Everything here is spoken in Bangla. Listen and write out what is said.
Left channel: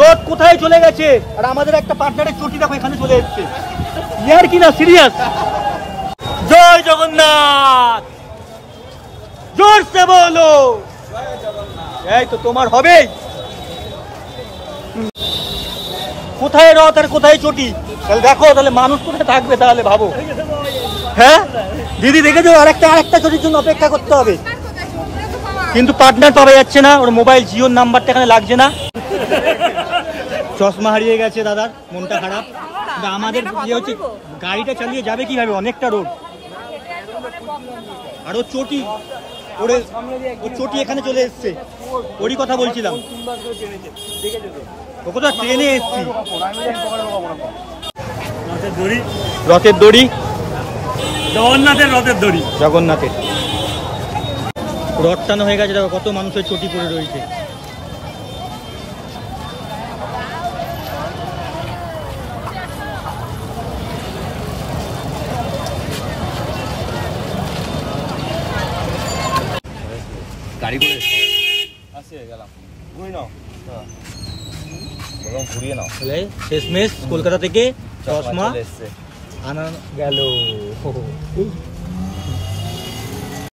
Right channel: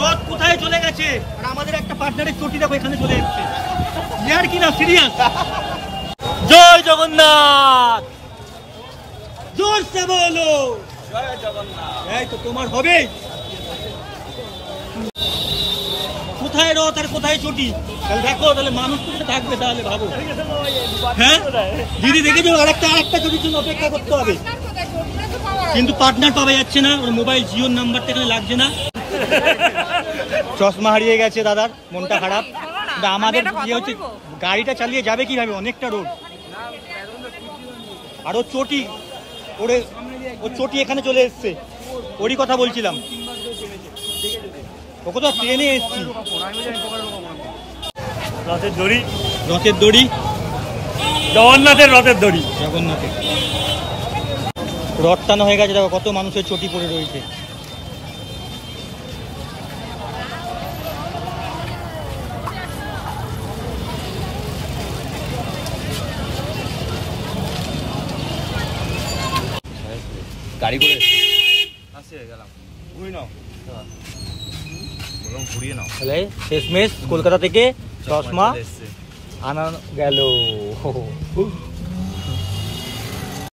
রথ কোথায় চলে গেছে আর আমাদের একটা পার্টনারের চটি দেখো এখানে চলে এসছে। ইয়ার কি না সিরিয়াস। জয় জগন্নাথ, জোরসে বলো জয় জগন্নাথ। এই তো তোমার হবেই। কোথায় রথ আর কোথায় চটি? তাহলে দেখো, তাহলে মানুষ কোথায় থাকবে তাহলে ভাবো। হ্যাঁ দিদি দেখেছো, আরেকটা চটির জন্য অপেক্ষা করতে হবে, কিন্তু পার্টনার পাওয়া যাচ্ছে না। ওর মোবাইল জিওর নাম্বারটা এখানে লাগছে না। চশমা হারিয়ে গেছে দাদার, মনটা খারাপ। আমাদের ইয়ে হচ্ছে, গাড়িটা চালিয়ে যাবে কিভাবে, অনেকটা রোড। আর ওর চটি, ওর চটি এখানে চলে এসছে, ওরই কথা বলছিলাম। ওকে তো ট্রেনে এসছি। রথের দড়ি, রথের দড়ি, জগন্নাথের রথের দড়ি, জগন্নাথের রথ টানো হয়ে গেছে। দেখো কত মানুষের চটি পড়ে রয়েছে। গাড়ি করে গেলাম, ঘুরিয়ে নাও। শেষমেশ কলকাতা থেকে চশমা আনা গেল।